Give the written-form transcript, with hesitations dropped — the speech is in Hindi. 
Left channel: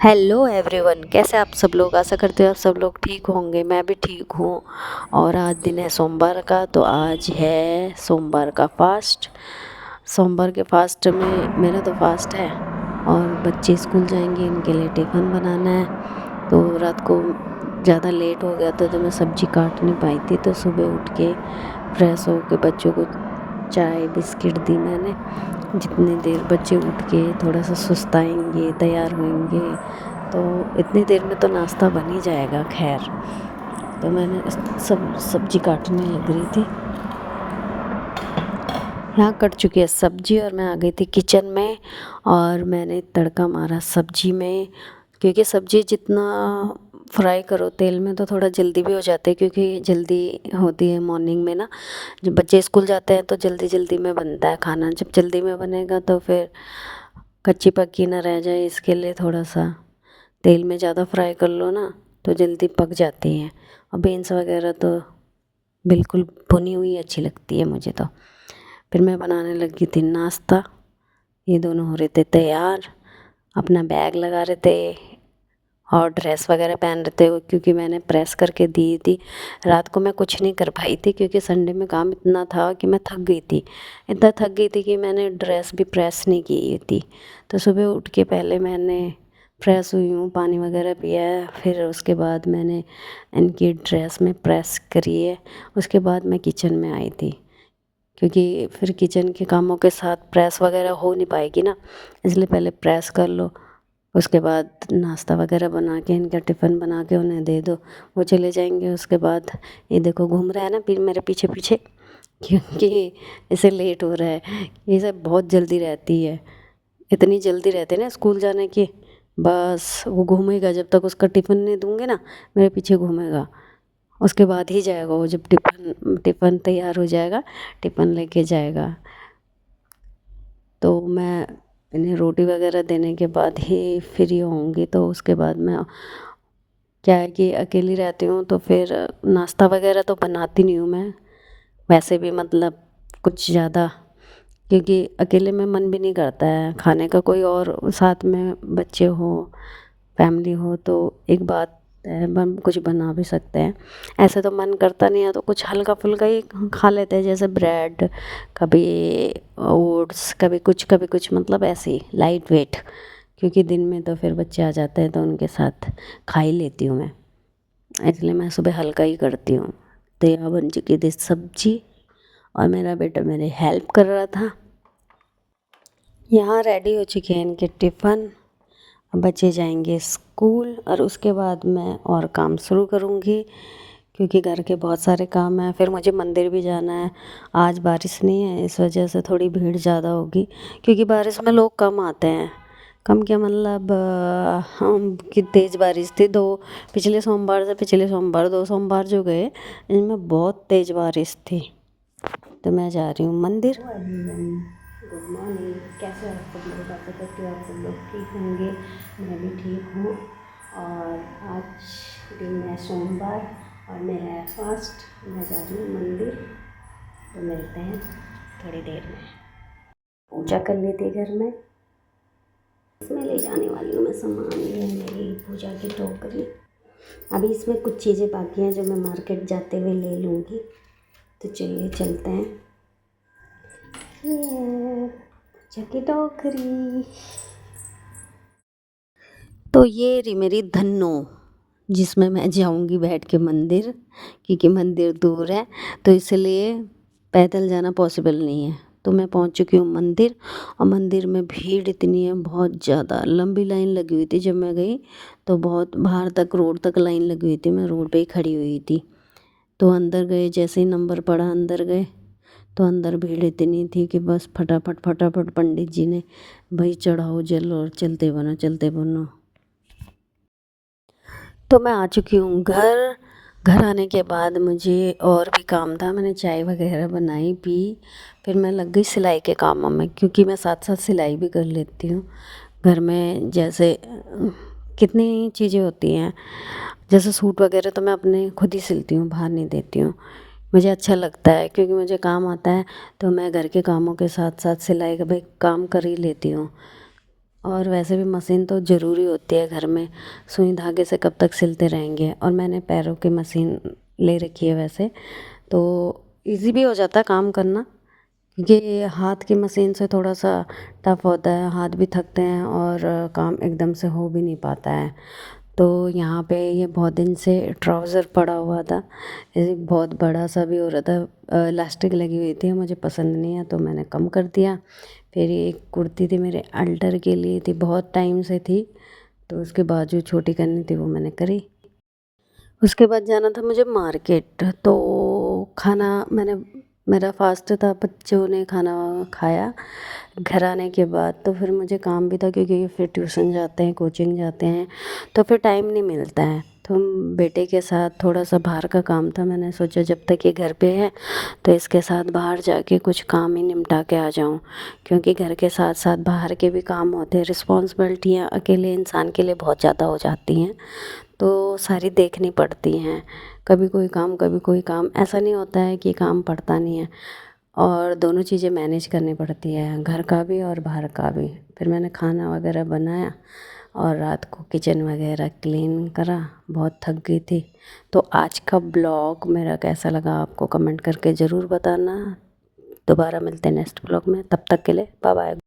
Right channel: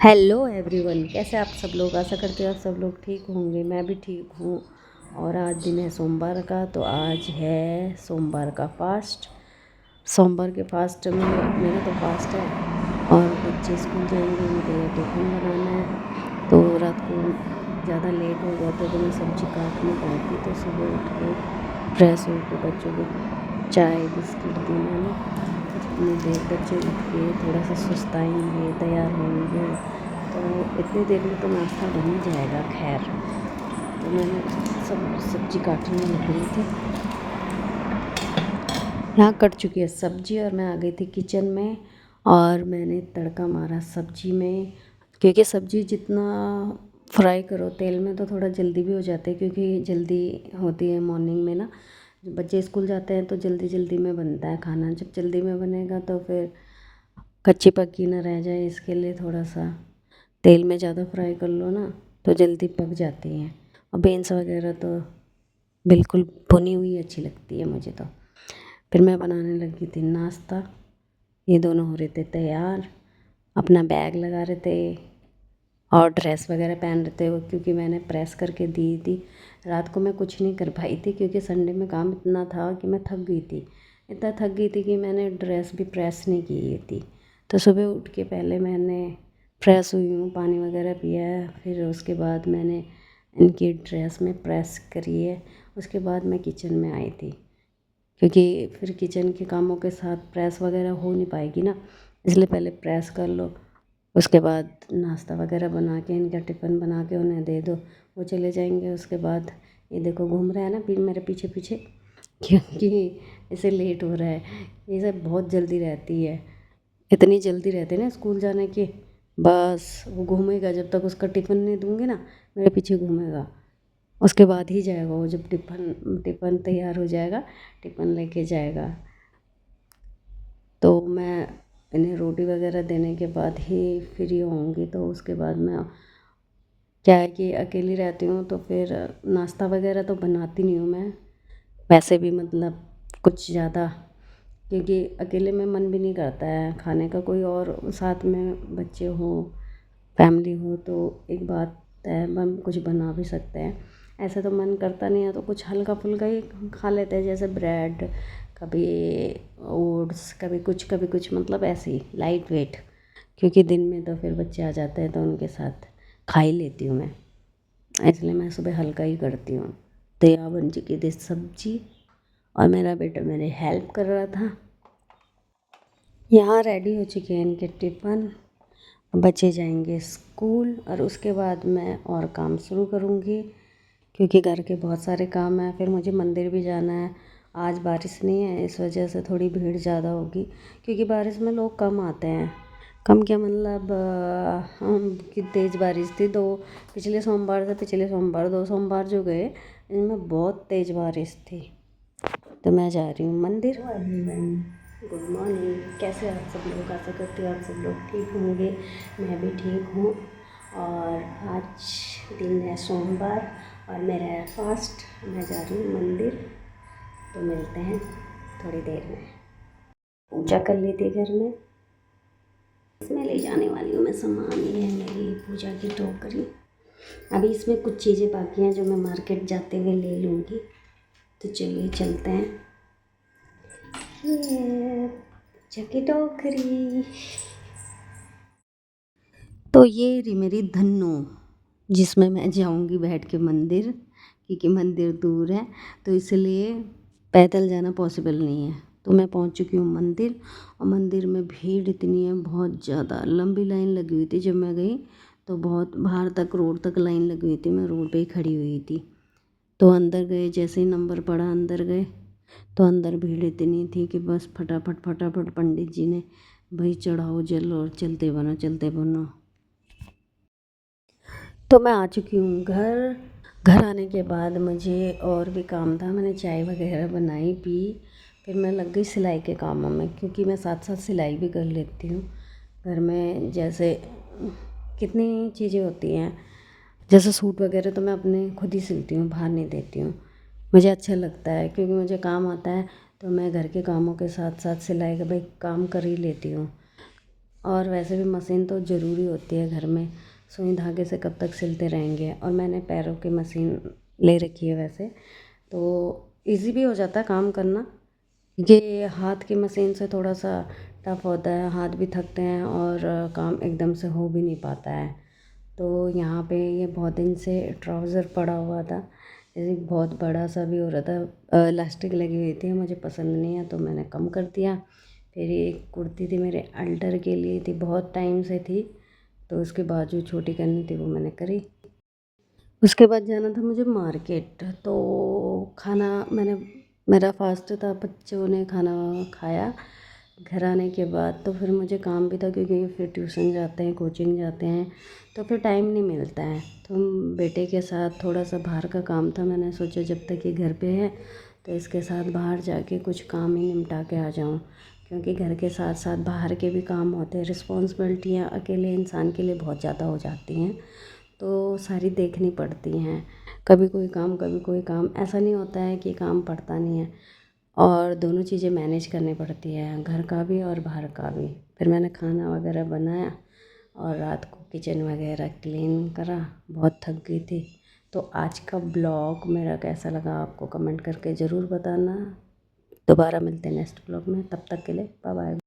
हेलो एवरीवन, कैसे आप सब लोग। आशा करते हो आप सब लोग ठीक होंगे। मैं भी ठीक हूँ। और आज दिन है सोमवार का, तो आज है सोमवार का फास्ट। सोमवार के फास्ट में मेरा तो फास्ट है। और बच्चे स्कूल जाएंगे, उनके लिए टिफ़िन बनाना है। तो रात को ज़्यादा लेट हो गया था, तो मैं सब्ज़ी काट नहीं पाई थी। तो सुबह उठ के फ्रेश होके बच्चों को चाय बिस्किट दी मैंने। जितनी देर बच्चे उठ के थोड़ा सा सुस्ताएंगे, तैयार होंगे, तो इतनी देर में तो नाश्ता बन ही जाएगा। खैर, तो मैंने सब सब्जी काटने लग रही थी। यहाँ कट चुकी है सब्जी और मैं आ गई थी किचन में। और मैंने तड़का मारा सब्जी में, क्योंकि सब्जी जितना फ्राई करो तेल में तो थोड़ा जल्दी भी हो जाते हैं, क्योंकि जल्दी होती है मॉर्निंग में ना। जब बच्चे स्कूल जाते हैं तो जल्दी जल्दी में बनता है खाना। जब जल्दी में बनेगा तो फिर कच्ची पक्की ना रह जाए, इसके लिए थोड़ा सा तेल में ज़्यादा फ्राई कर लो ना, तो जल्दी पक जाती है। और बीन्स वगैरह तो बिल्कुल भुनी हुई अच्छी लगती है मुझे तो। फिर मैं बनाने लगी थी नाश्ता। ये दोनों हो रहे थे तैयार, अपना बैग लगा रहे थे और ड्रेस वगैरह पहन रहे थे, क्योंकि मैंने प्रेस करके दी थी। रात को मैं कुछ नहीं कर पाई थी, क्योंकि संडे में काम इतना था कि मैं थक गई थी। इतना थक गई थी कि मैंने ड्रेस भी प्रेस नहीं की थी। तो सुबह उठ के पहले मैंने फ्रेश हुई हूँ, पानी वगैरह पिया है, फिर उसके बाद मैंने इनकी ड्रेस में प्रेस करी है। उसके बाद मैं किचन में आई थी, क्योंकि फिर किचन के कामों के साथ प्रेस वगैरह हो नहीं पाएगी ना, इसलिए पहले प्रेस कर लो। उसके बाद नाश्ता वगैरह बना के इनका टिफ़िन बना के उन्हें दे दो, वो चले जाएंगे। उसके बाद ये देखो घूम रहा है ना फिर मेरे पीछे पीछे, क्योंकि इसे लेट हो रहा है। ये सब बहुत जल्दी रहती है, इतनी जल्दी रहती है ना स्कूल जाने की। बस वो घूमेगा जब तक उसका टिफ़िन नहीं दूंगी ना, मेरे पीछे घूमेगा। उसके बाद ही जाएगा वो, जब टिफ़िन टिफ़िन तैयार हो जाएगा, टिफ़िन लेके जाएगा। तो मैं इन्हें रोटी वगैरह देने के बाद ही फ्री होंगी। तो उसके बाद मैं, क्या है कि अकेली रहती हूँ तो फिर नाश्ता वगैरह तो बनाती नहीं हूँ मैं वैसे भी, मतलब कुछ ज़्यादा, क्योंकि अकेले में मन भी नहीं करता है खाने का। कोई और साथ में बच्चे हो, फैमिली हो तो एक बात है, हम कुछ बना भी सकते हैं। ऐसे तो मन करता नहीं है, तो कुछ हल्का फुल्का ही खा लेते हैं, जैसे ब्रेड, कभी ओट्स, कभी कुछ, मतलब ऐसे ही लाइट वेट। क्योंकि दिन में तो फिर बच्चे आ जाते हैं तो उनके साथ खा ही लेती हूँ मैं, इसलिए मैं सुबह हल्का ही करती हूँ। तैयार बन चुकी थी सब्जी और मेरा बेटा मेरे हेल्प कर रहा था। यहाँ रेडी हो चुके हैं इनके टिफ़िन। बच्चे जाएंगे स्कूल और उसके बाद मैं और काम शुरू करूँगी, क्योंकि घर के बहुत सारे काम हैं। फिर मुझे मंदिर भी जाना है। आज बारिश नहीं है, इस वजह से थोड़ी भीड़ ज़्यादा होगी, क्योंकि बारिश में लोग कम आते हैं। कम क्या मतलब, हम कि तेज़ बारिश थी। दो पिछले सोमवार से पिछले सोमवार, 2 सोमवार जो गए, इनमें बहुत तेज़ बारिश थी। तो मैं जा रही हूँ मंदिर। गुड मॉर्निंग, कैसे आप सब लोग। आशा करती हूँ आप सब लोग ठीक होंगे। मैं भी ठीक हूँ। और आज दिन है सोमवार और मेरा है फास्ट। मैं जा रही हूँ मंदिर, तो मिलते हैं थोड़ी देर में। पूजा कर ली थी घर में, इसमें ले जाने वाली हूँ मैं सामान। ये है मेरी पूजा की टोकरी। अभी इसमें कुछ चीज़ें बाकी हैं जो मैं मार्केट जाते हुए ले लूँगी। तो चलिए चलते हैं। ये पूजा की टोकरी। तो ये रही मेरी धन्नो, जिसमें मैं जाऊंगी बैठ के मंदिर, क्योंकि मंदिर दूर है तो इसलिए पैदल जाना पॉसिबल नहीं है। तो मैं पहुंच चुकी हूँ मंदिर। और मंदिर में भीड़ इतनी है, बहुत ज़्यादा लंबी लाइन लगी हुई थी। जब मैं गई तो बहुत बाहर तक, रोड तक लाइन लगी हुई थी। मैं रोड पे ही खड़ी हुई थी। तो अंदर गए, जैसे ही नंबर पड़ा अंदर गए, तो अंदर भीड़ इतनी थी कि बस फटाफट फटाफट पंडित जी ने, भाई चढ़ाओ जल और चलते बनो चलते बनो। तो मैं आ चुकी हूँ घर। घर आने के बाद मुझे और भी काम था। मैंने चाय वगैरह बनाई, पी। फिर मैं लग गई सिलाई के कामों में, क्योंकि मैं साथ साथ सिलाई भी कर लेती हूँ घर में। जैसे कितनी चीज़ें होती हैं, जैसे सूट वगैरह तो मैं अपने खुद ही सिलती हूँ, बाहर नहीं देती हूँ। मुझे अच्छा लगता है, क्योंकि मुझे काम आता है। तो मैं घर के कामों के साथ साथ सिलाई का भी काम कर ही लेती हूँ। और वैसे भी मशीन तो ज़रूरी होती है घर में, सुई धागे से कब तक सिलते रहेंगे। और मैंने पैरों की मशीन ले रखी है वैसे, तो इजी भी हो जाता है काम करना, क्योंकि हाथ की मशीन से थोड़ा सा टफ होता है, हाथ भी थकते हैं और काम एकदम से हो भी नहीं पाता है। तो यहाँ पे ये बहुत दिन से ट्राउज़र पड़ा हुआ था, ये बहुत बड़ा सा भी हो रहा था, इलास्टिक लगी हुई थी, मुझे पसंद नहीं है तो मैंने कम कर दिया। फिर ये एक कुर्ती थी मेरे अल्टर के लिए थी, बहुत टाइम से थी, तो उसके बाजू छोटी करनी थी, वो मैंने करी। उसके बाद जाना था मुझे मार्केट, तो खाना मैंने मेरा फास्ट था, बच्चों ने खाना खाया घर आने के बाद, तो फिर मुझे काम भी था क्योंकि फिर ट्यूशन जाते हैं, कोचिंग जाते हैं, तो फिर टाइम नहीं मिलता है। तो बेटे के साथ थोड़ा सा बाहर का काम था, मैंने सोचा जब तक ये घर पे है तो इसके साथ बाहर जाके कुछ काम ही निपटा के आ जाऊं, क्योंकि घर के साथ साथ बाहर के भी काम होते हैं, रिस्पॉन्सिबिलिटियाँ अकेले इंसान के लिए बहुत ज़्यादा हो जाती हैं, तो सारी देखनी पड़ती हैं। कभी कोई काम कभी कोई काम, ऐसा नहीं होता है कि काम पड़ता नहीं है, और दोनों चीज़ें मैनेज करनी पड़ती है, घर का भी और बाहर का भी। फिर मैंने खाना वगैरह बनाया और रात को किचन वगैरह क्लीन करा, बहुत थक गई थी। तो आज का ब्लॉग मेरा कैसा लगा आपको कमेंट करके ज़रूर बताना। दोबारा मिलते हैं नेक्स्ट ब्लॉग में, तब तक के लिए बाय बाय।